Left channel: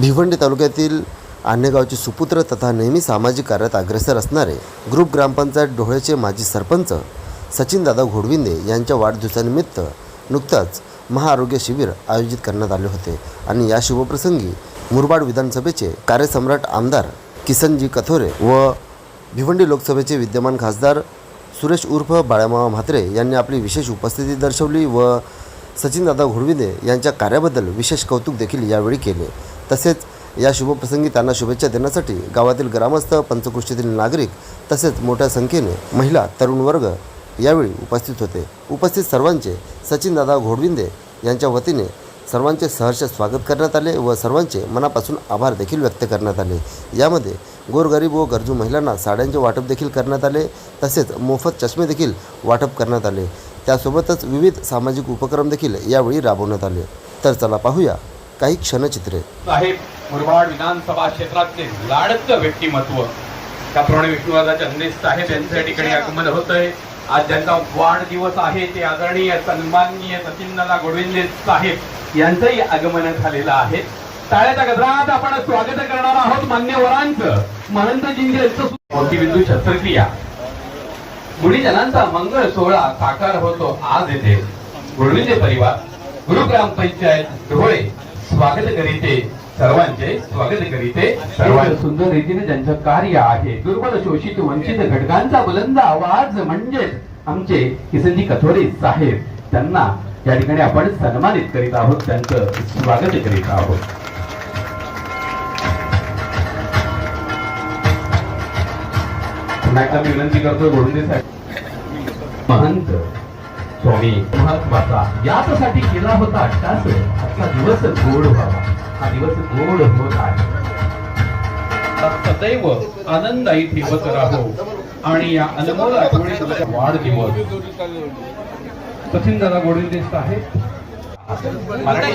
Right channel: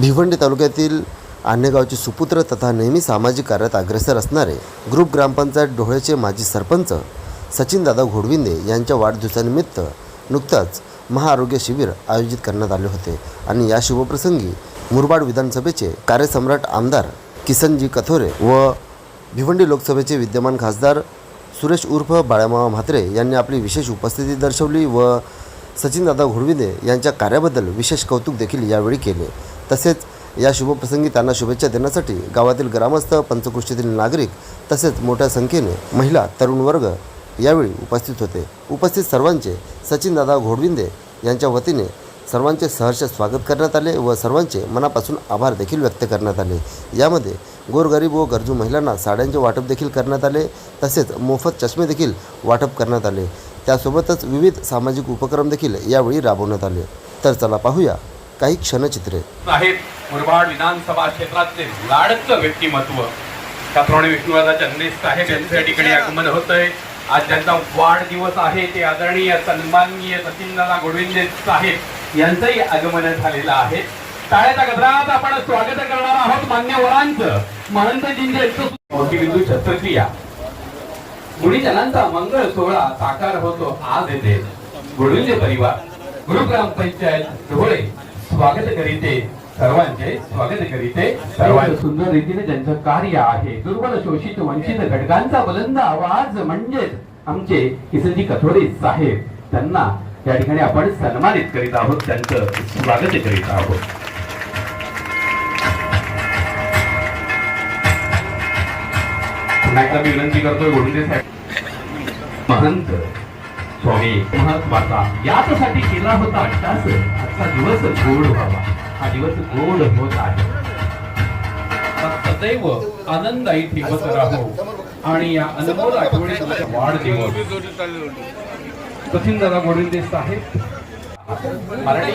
भिवंडी तालुक्यातील आनेगावचे सुपुत्र तथा नेहमी सामाजिक कार्यात अग्रेसर असणारे ग्रुप ग्रामपंचायत डोहळेचे माजी सरपंच सचिनदादा घोडविंदे यांच्या वाढदिवसानिमित्त नुकताच महाआरोग्य शिबिर आयोजित करण्यात आले होते आणि या शुभप्रसंगी मुरबाड विधानसभेचे कार्यसम्राट आमदार किसनजी कथोरे व भिवंडी लोकसभेचे विद्यमान खासदार सुरेश उर्फ बाळामामा म्हात्रे यांनी आपली विशेष उपस्थिती दर्शवली व सचिनदादा घोडविंदे यांच्या कार्याबद्दल विशेष कौतुक देखील यावेळी केले। तसेच या शुभप्रसंगी त्यांना शुभेच्छा देण्यासाठी गावातील ग्रामस्थ, पंचक्रोशीतील नागरिक तसेच मोठ्या संख्येने महिला, तरुण वर्ग यावेळी उपस्थित होते। उपस्थित सर्वांचे सचिनदादा घोडविंदे यांच्या वतीने सर्वांचे सहर्ष स्वागत करण्यात आले व सर्वांचे मनापासून आभार देखील व्यक्त करण्यात आले। यामध्ये गोरगरीब व गरजू महिलांना साड्यांचे वाटप देखील करण्यात आले, तसेच मोफत चष्मे देखील वाटप करण्यात आले। त्यासोबतच विविध सामाजिक उपक्रम देखील यावेळी राबवण्यात आले। तर चला पाहूया काही क्षणचित्रे। मुरबाड विधानसभा क्षेत्रातले लाडचं व्यक्तिमत्व त्याप्रमाणे विष्णुदादा चंद्रे साहेब यांच्या ठिकाणी आगमन होतंय। आज ज्यांचा वाढदिवस आहे ते आदरणीय सन्माननीय सचिनदादा घोडविंदे साहेब यांचंही आगमन झालेलं आहे। टाळ्याच्या गजरात आपण स्वागत करणार आहोत मान्यवरांचं। महंतजींचं मोठीबिंदू शस्त्रक्रिया गुढीजनांचा मंगळ सोहळा साकार होतो आज येथे। घोडविंदे परिवार गुरुग्रामपंचायत डोळे स्वागत करीते, सर्वांचे स्वागत करीते। सर्वांचे सुंदर रीतीने ज्यांचं कार्य आहे, दुर्बल, शोषित, वंचित घटकांचा बुलंद आवाज म्हणजेच आमचे किसनजी कथोरे साहेब, त्यांना या ठिकाणी आपण सन्मानित करीत आहोत, त्यांचं स्वागत करीत आहोत। पुन्हा एकदा मी विनंती करतो घोडविंदे साहेब, महंत स्वामी महत्वाचा यासाठी केला होता अट्टास, आजचा दिवस गोड व्हावा, हा दिवस गोड होत आहे। सदैव आनंदायी ठेवत राहो आणि या अनमोल आठवणीचा वाढदिवस सचिनदादा घोडविंदे साहेब। मराठी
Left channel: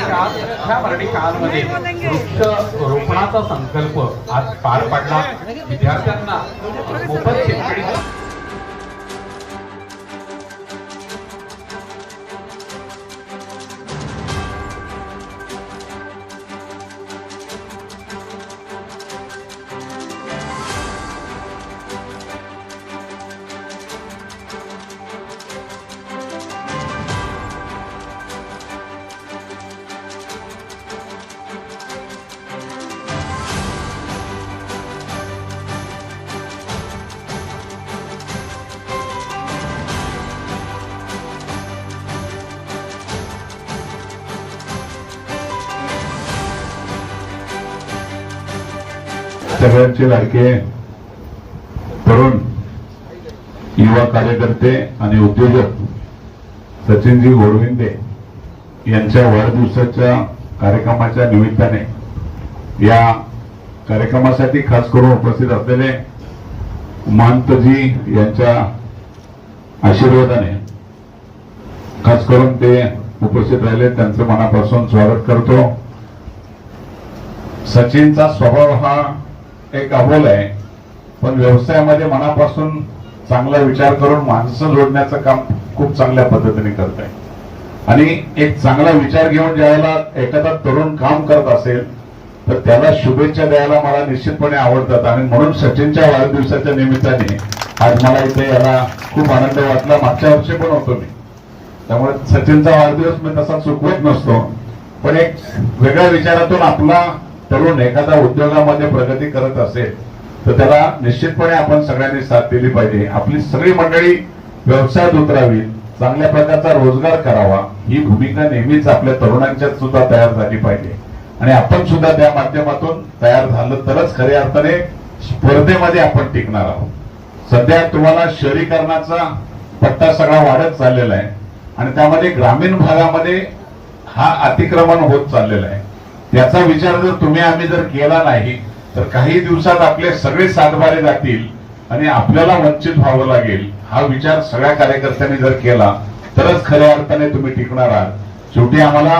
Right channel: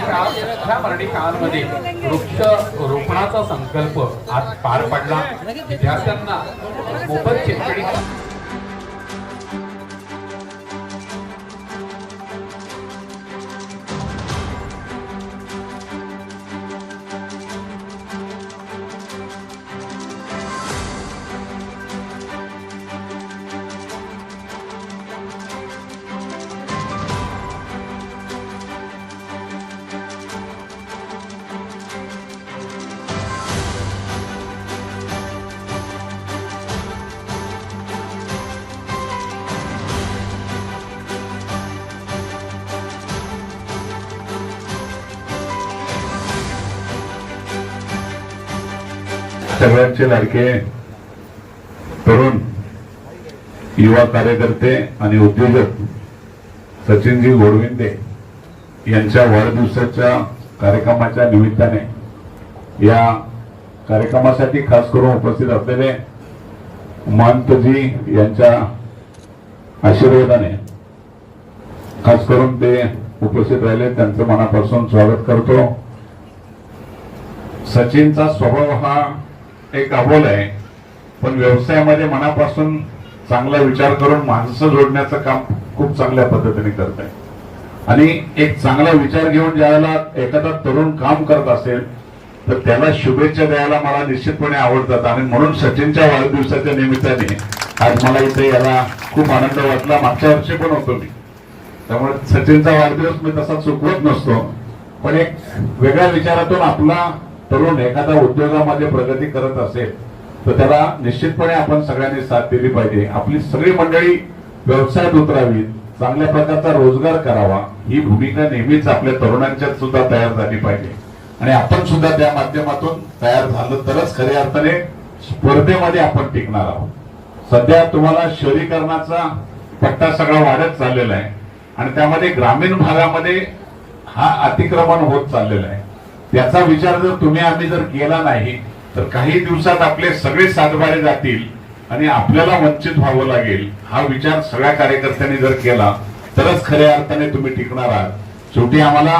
काळामध्ये वृक्ष रोपणाचा संकल्प आज पार पडला। विद्यार्थ्यांना मोफत शेतकरी सगळ्यांचे लाडके तरुण युवा कार्यकर्ते आणि उद्योजक सचिनजी घोडविंदे यांच्या वाढदिवसाच्या कार्यक्रमाच्या निमित्ताने या कार्यक्रमासाठी खास करून उपस्थित असलेले महंतजी यांच्या आशीर्वादाने खास करून ते उपस्थित राहिले, त्यांचे मनापासून स्वागत करतो। सचिनचा स्वभाव हा एक अबोल आहे, पण व्यवसायामध्ये मनापासून चांगला विचार करून माणसं जोडण्याचं काम खूप चांगल्या पद्धतीने करत आहे आणि एक चांगला विचार घेऊन ज्यावेळेला एखादा तरुण काम करत असेल तर त्याला शुभेच्छा द्यायला मला निश्चितपणे आवडतात आणि म्हणून सचिनच्या वाढदिवसाच्या निमित्ताने आज मला इथे याला खूप आनंद वाटला। मागच्या वर्षी पण होतो मी, त्यामुळे सचिनचा वाढदिवस मी तसा चुकवत नसतो, पण एक वेगळ्या विचारातून आपला तरुण एखादा उद्योगामध्ये प्रगती करत असेल तर त्याला निश्चितपणे आपण सगळ्यांनी साथ दिली पाहिजे। आपली सगळी मंडळी व्यवसायात उतरावी, चांगल्या प्रकारचा रोजगार करावा, ही भूमिका नेहमीच आपल्या तरुणांच्यात सुद्धा तयार झाली पाहिजे आणि आपण सुद्धा त्या माध्यमातून तयार झालं तरच खऱ्या अर्थाने स्पर्धेमध्ये आपण टिकणार आहोत। सध्या तुम्हाला शहरीकरणाचा पट्टा सगळा वाढत चाललेला आहे आणि त्यामध्ये ग्रामीण भागामध्ये हा अतिक्रमण होत चाललेला आहे। याचा विचार जर तुम्ही आम्ही जर केला नाही तर काही दिवसात आपले सगळे सातबारे जातील आणि आपल्याला वंचित व्हावं लागेल। हा विचार सगळ्या कार्यकर्त्यांनी जर केला तरच खऱ्या अर्थाने तुम्ही टिकणार आहात। शेवटी आम्हाला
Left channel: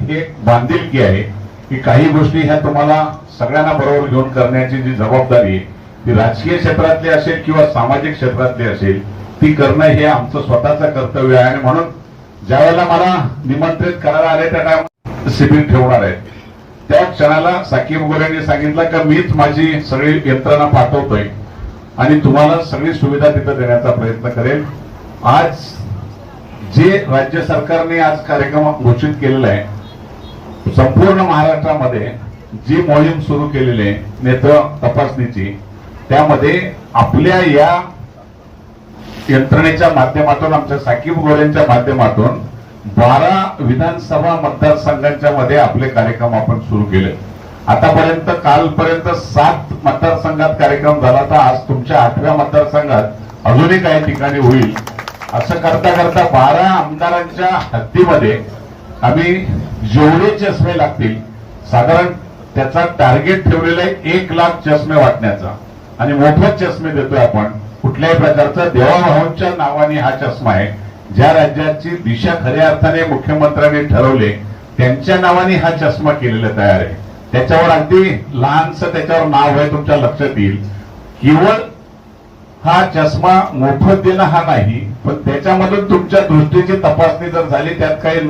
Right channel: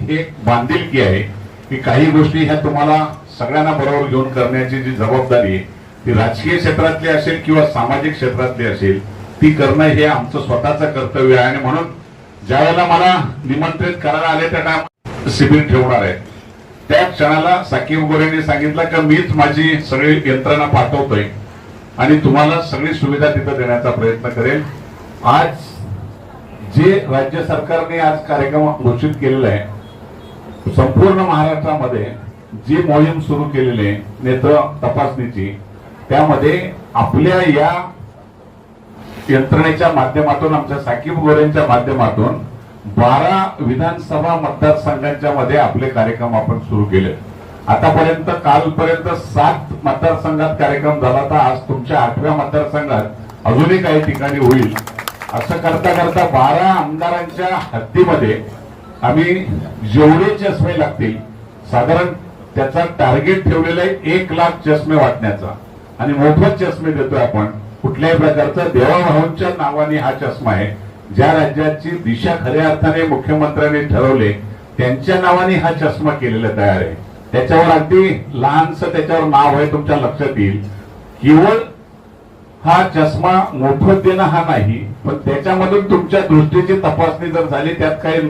हे बांधिलकी आहे की काही गोष्टी ह्या तुम्हाला सगळ्यांना बरोबर घेऊन करण्याची जी जबाबदारी आहे ती राजकीय क्षेत्रातली असेल किंवा सामाजिक क्षेत्रातली असेल ती करणं हे आमचं स्वतःचं कर्तव्य आहे आणि म्हणून ज्या वेळेला मला निमंत्रित करायला आले त्या शिबिर ठेवणार आहे त्या क्षणाला साकीब गोरेंनी सांगितलं की मीच माझी सगळी यंत्रणा पाठवतोय आणि तुम्हाला सगळी सुविधा तिथं देण्याचा प्रयत्न करेल. आज जे राज्य सरकारने आज कार्यक्रम घोषित केलेला आहे, संपूर्ण महाराष्ट्रामध्ये जी मोहीम सुरू केलेली आहे नेत्र तपासणीची, त्यामध्ये आपल्या या यंत्रणेच्या माध्यमातून, आमच्या साकीब गोरेंच्या माध्यमातून 12 विधानसभा मतदारसंघांच्या मध्ये आपले कार्यक्रम आपण सुरू केले. आतापर्यंत कालपर्यंत 7 मतदारसंघात कार्यक्रम झाला, तर आज तुमच्या 8व्या मतदारसंघात अजूनही काही ठिकाणी होईल. असं करता करता 12 आमदारांच्या हद्दीमध्ये आम्ही जेवढे चष्मे लागतील, साधारण त्याचा टार्गेट ठेवलेला आहे 1 लाख चष्मे वाटण्याचा, आणि मोफत चष्मे देतोय आपण. कुठल्याही प्रकारचा देवाभावांच्या नावाने हा चष्मा आहे. ज्या राज्याची दिशा खऱ्या अर्थाने मुख्यमंत्र्यांनी ठरवले त्यांच्या नावाने हा चष्मा केलेला तयार आहे. त्याच्यावर अगदी लहानसं त्याच्यावर नाव आहे, तुमच्या लक्षात येईल. केवळ हा चष्मा मोफत देणं हा नाही, पण त्याच्यामधून तुमच्या दृष्टीची तपासणी जर झाली, त्यात काही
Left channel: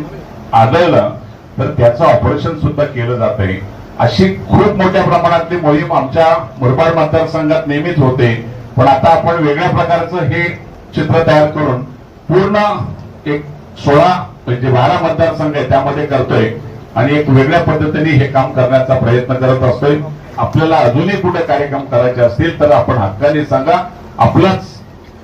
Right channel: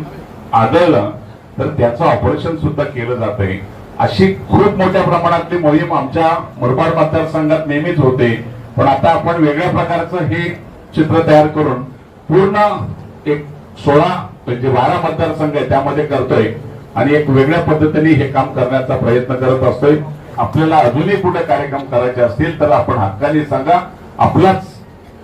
आढळलं तर त्याचं ऑपरेशन सुद्धा केलं जात आहे. अशी खूप मोठ्या प्रमाणातली मोहीम आमच्या मुरबाड मतदारसंघात नेहमीच होते, पण आता आपण वेगळ्या प्रकारचं हे चित्र तयार करून पूर्ण एक 16 म्हणजे 12 मतदारसंघ आहे त्यामध्ये करतोय, आणि एक वेगळ्या पद्धतीने हे काम करण्याचा प्रयत्न करत असतोय. आपल्याला अजूनही कुठे कार्यक्रम करायचे असतील तर आपण हक्काने सांगा, आपलाच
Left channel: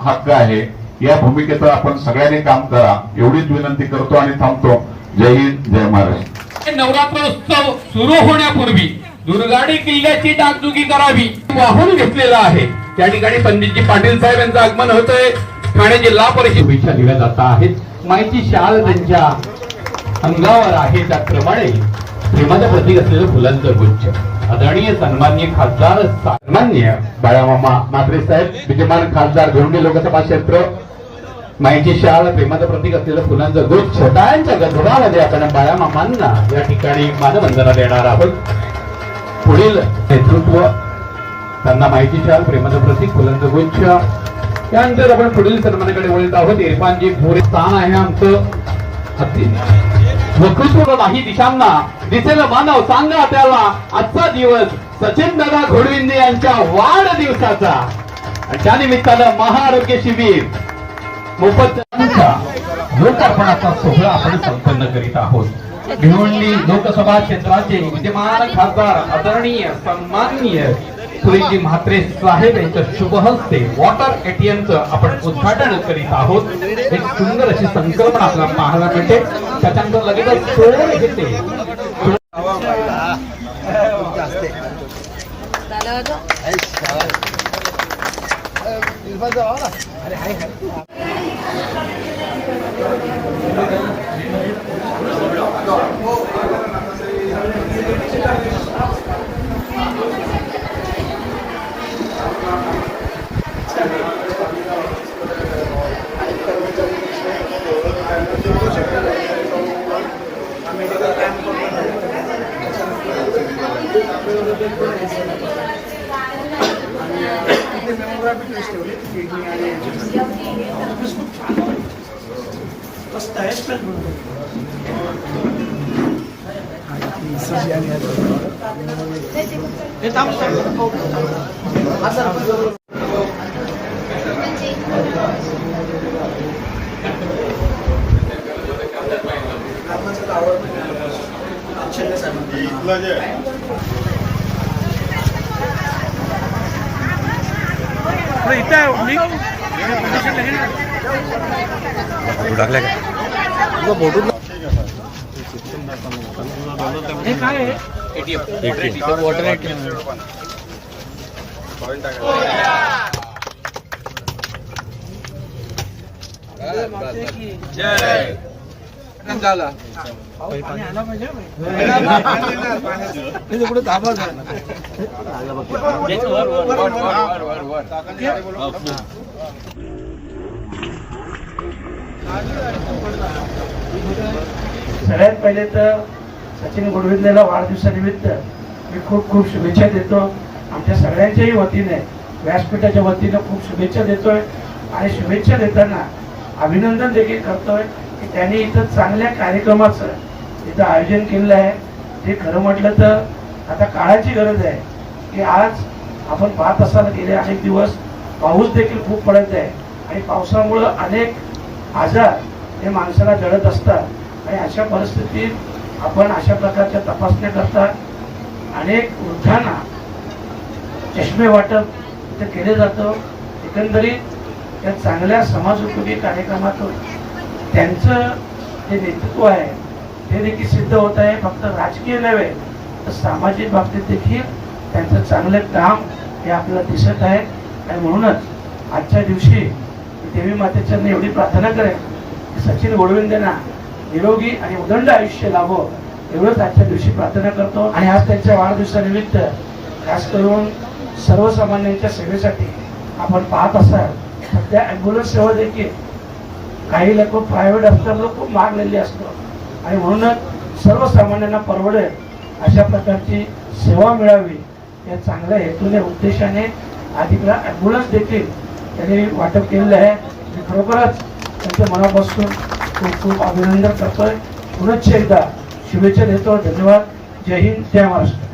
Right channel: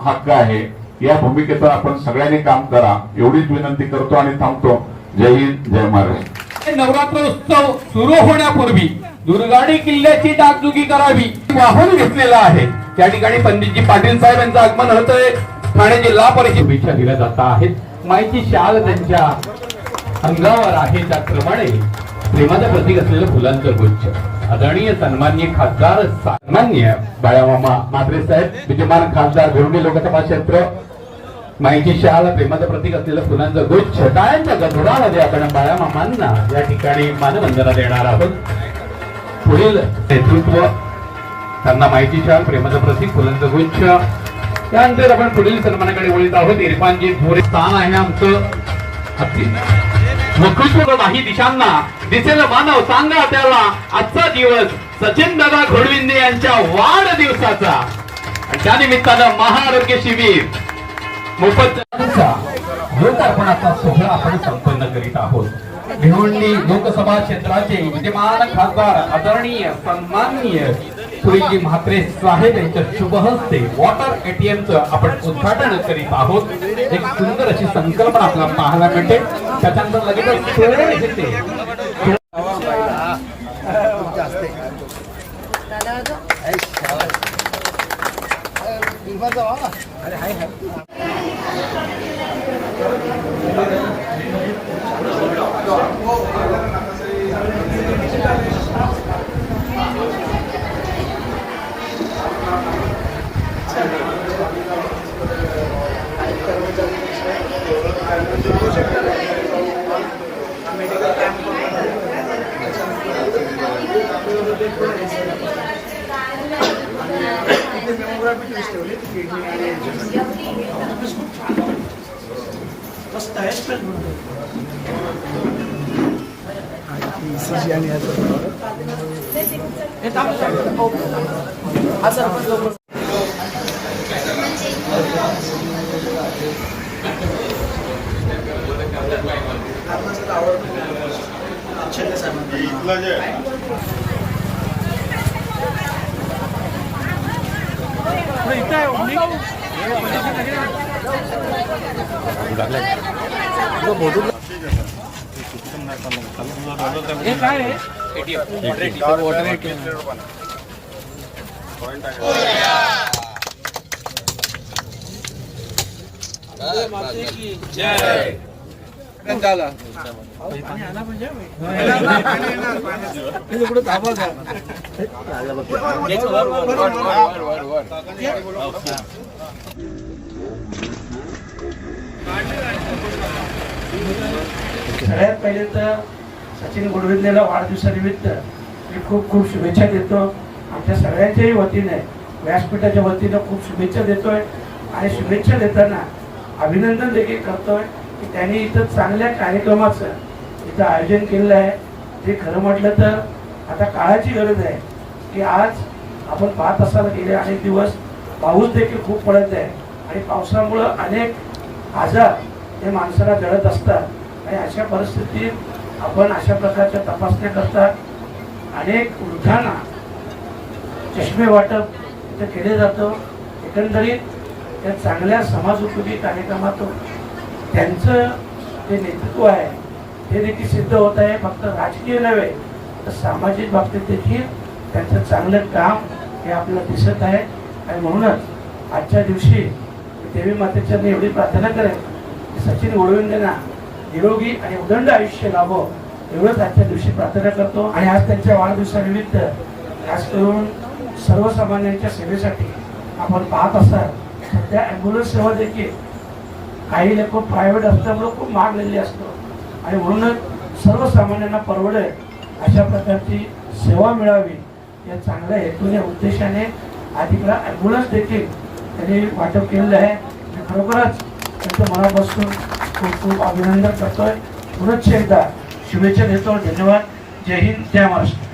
हक्क आहे. या भूमिकेतून आपण सगळ्यांनी काम करा एवढीच विनंती करतो आणि थांबतो. जय हिंद, जय महाराष्ट्र. नवरात्रोत्सव सुरू होण्यापूर्वी दुर्गाडी किल्ल्याची डागडुगी करावी वाहून घेतलेला आहे. या ठिकाणी पंडितजी पाटील साहेब यांचं आगमन होतंय. ठाणे जिल्हा परिषद शुभेच्छा दिल्या जात आहेत. माहिती शाल त्यांच्या अंगावर आहे, त्याप्रमाणे प्रेमाचं प्रतीक असलेलं फुलांचं गुच्छ. आदरणीय सन्माननीय खासदार सन्माननीय बाळामामा म्हात्रे साहेब, विद्यमान खासदार भिवंडी लोकसभा क्षेत्र, माहिती शाल प्रेमाचं प्रतीक असलेलं फुलांचं गुच्छ. टाळ्यांच्या गजरामध्ये आपण बाळामामांना या ठिकाणी मानवंदना देणार आहोत. पुढील नेतृत्व त्यांना माहिती शाल प्रेमाचं प्रतीक फुलांचं गुच्छ. त्यानंतर आपण पुढील सन्मानाकडे वळत आहोत. इरफानजी भोरे स्थान आहे आमचं हत्ती. वक्तृत्व नाही दिशांना दिसेल मानव, सांगा त्याला आजचा दिवस सचिन दादा घोडविंदे यांच्या वाढदिवसाचा. आणि त्या निमित्तानं महाआरोग्य शिबिर मोफत लोकार्पणाचा सोहळा आपण संपन्न करीत आहोत. भिवंडी लोकसभा क्षेत्राचे विद्यमान खासदार आदरणीय सन्माननीय सुरेशजी म्हात्रे साहेब यांच्या शुभ हस्ते वॉटर एटीएमचं आपण उद्घाटन करीत आहोत. एक सुंदर अशी संकल्पना आपल्याला पाहायला मिळते. त्याच्यानंतर लगेच सोहळे येते. सगळ्यात पहिले तर सचिन घोडविंदेला वाढदिवसानिमित्त मी खूप खूप शुभेच्छा देतो. आमच्या सगळ्यांच्याही वतीने, व्यासपीठाच्या वतीने खूप शुभेच्छा देतोय. आणि शुभेच्छा देताना अभिनंदन देखील करतोय की त्यांनी इथं चांगल्या कार्यक्रमाचं इथं आयोजन केलेलं आहे. ते खरं म्हटलं तर आता काळाची गरज आहे की आज आपण पाहत असाल गेले अनेक दिवस पाऊस देखील खूप पडत आहे आणि पावसामुळं अनेक आजार हे माणसाला जडत असतात आणि अशा परिस्थितीत आपण अशा प्रकारच्या तपासण्या करता अनेक वृद्धांना चष्मे वाटप इथे केले जातं. एकंदरीत या चांगल्या समाजोपयोगी कार्यक्रमातून त्यांचं जे नेतृत्व आहे ते देखील सिद्ध होत आहे. फक्त राजकीय नव्हे तर सामाजिक बाबतीत देखील त्यांचं चांगलं काम हे आपल्याला दिसत आहे. आणि म्हणूनच आजच्या दिवशी देवी मातेच्या एवढी प्रार्थना करेल की सचिन गोडविंदेंना निरोगी आणि उदंड आयुष्य लाभो एवढंच आजच्या दिवशी प्रार्थना करतो. आणि आज त्यांच्या वाढदिवसानिमित्त खास करून सर्वसामान्यांच्या सेवेसाठी आपण पाहत असाल सध्या ॲम्ब्युलन्स सेवा देखील काही लोक प्रायव्हेट असल्यामुळे खूप महागलेली असतो आणि म्हणूनच सर्वसामान्यांना परवडेल अशा प्रकारची सेवा मिळावी या चांगल्या हेतूने उद्देशाने आज इकडं ॲम्ब्युलन्स देखील त्यांनी वाटप केलेलं आहे. मी खरोखरच त्यांचं मनापासून खूप खूप अभिनंदन करतोय. पुनश्च एकदा शुभेच्छा देतो. धन्यवाद. जय हिंद, जय महाराष्ट्र.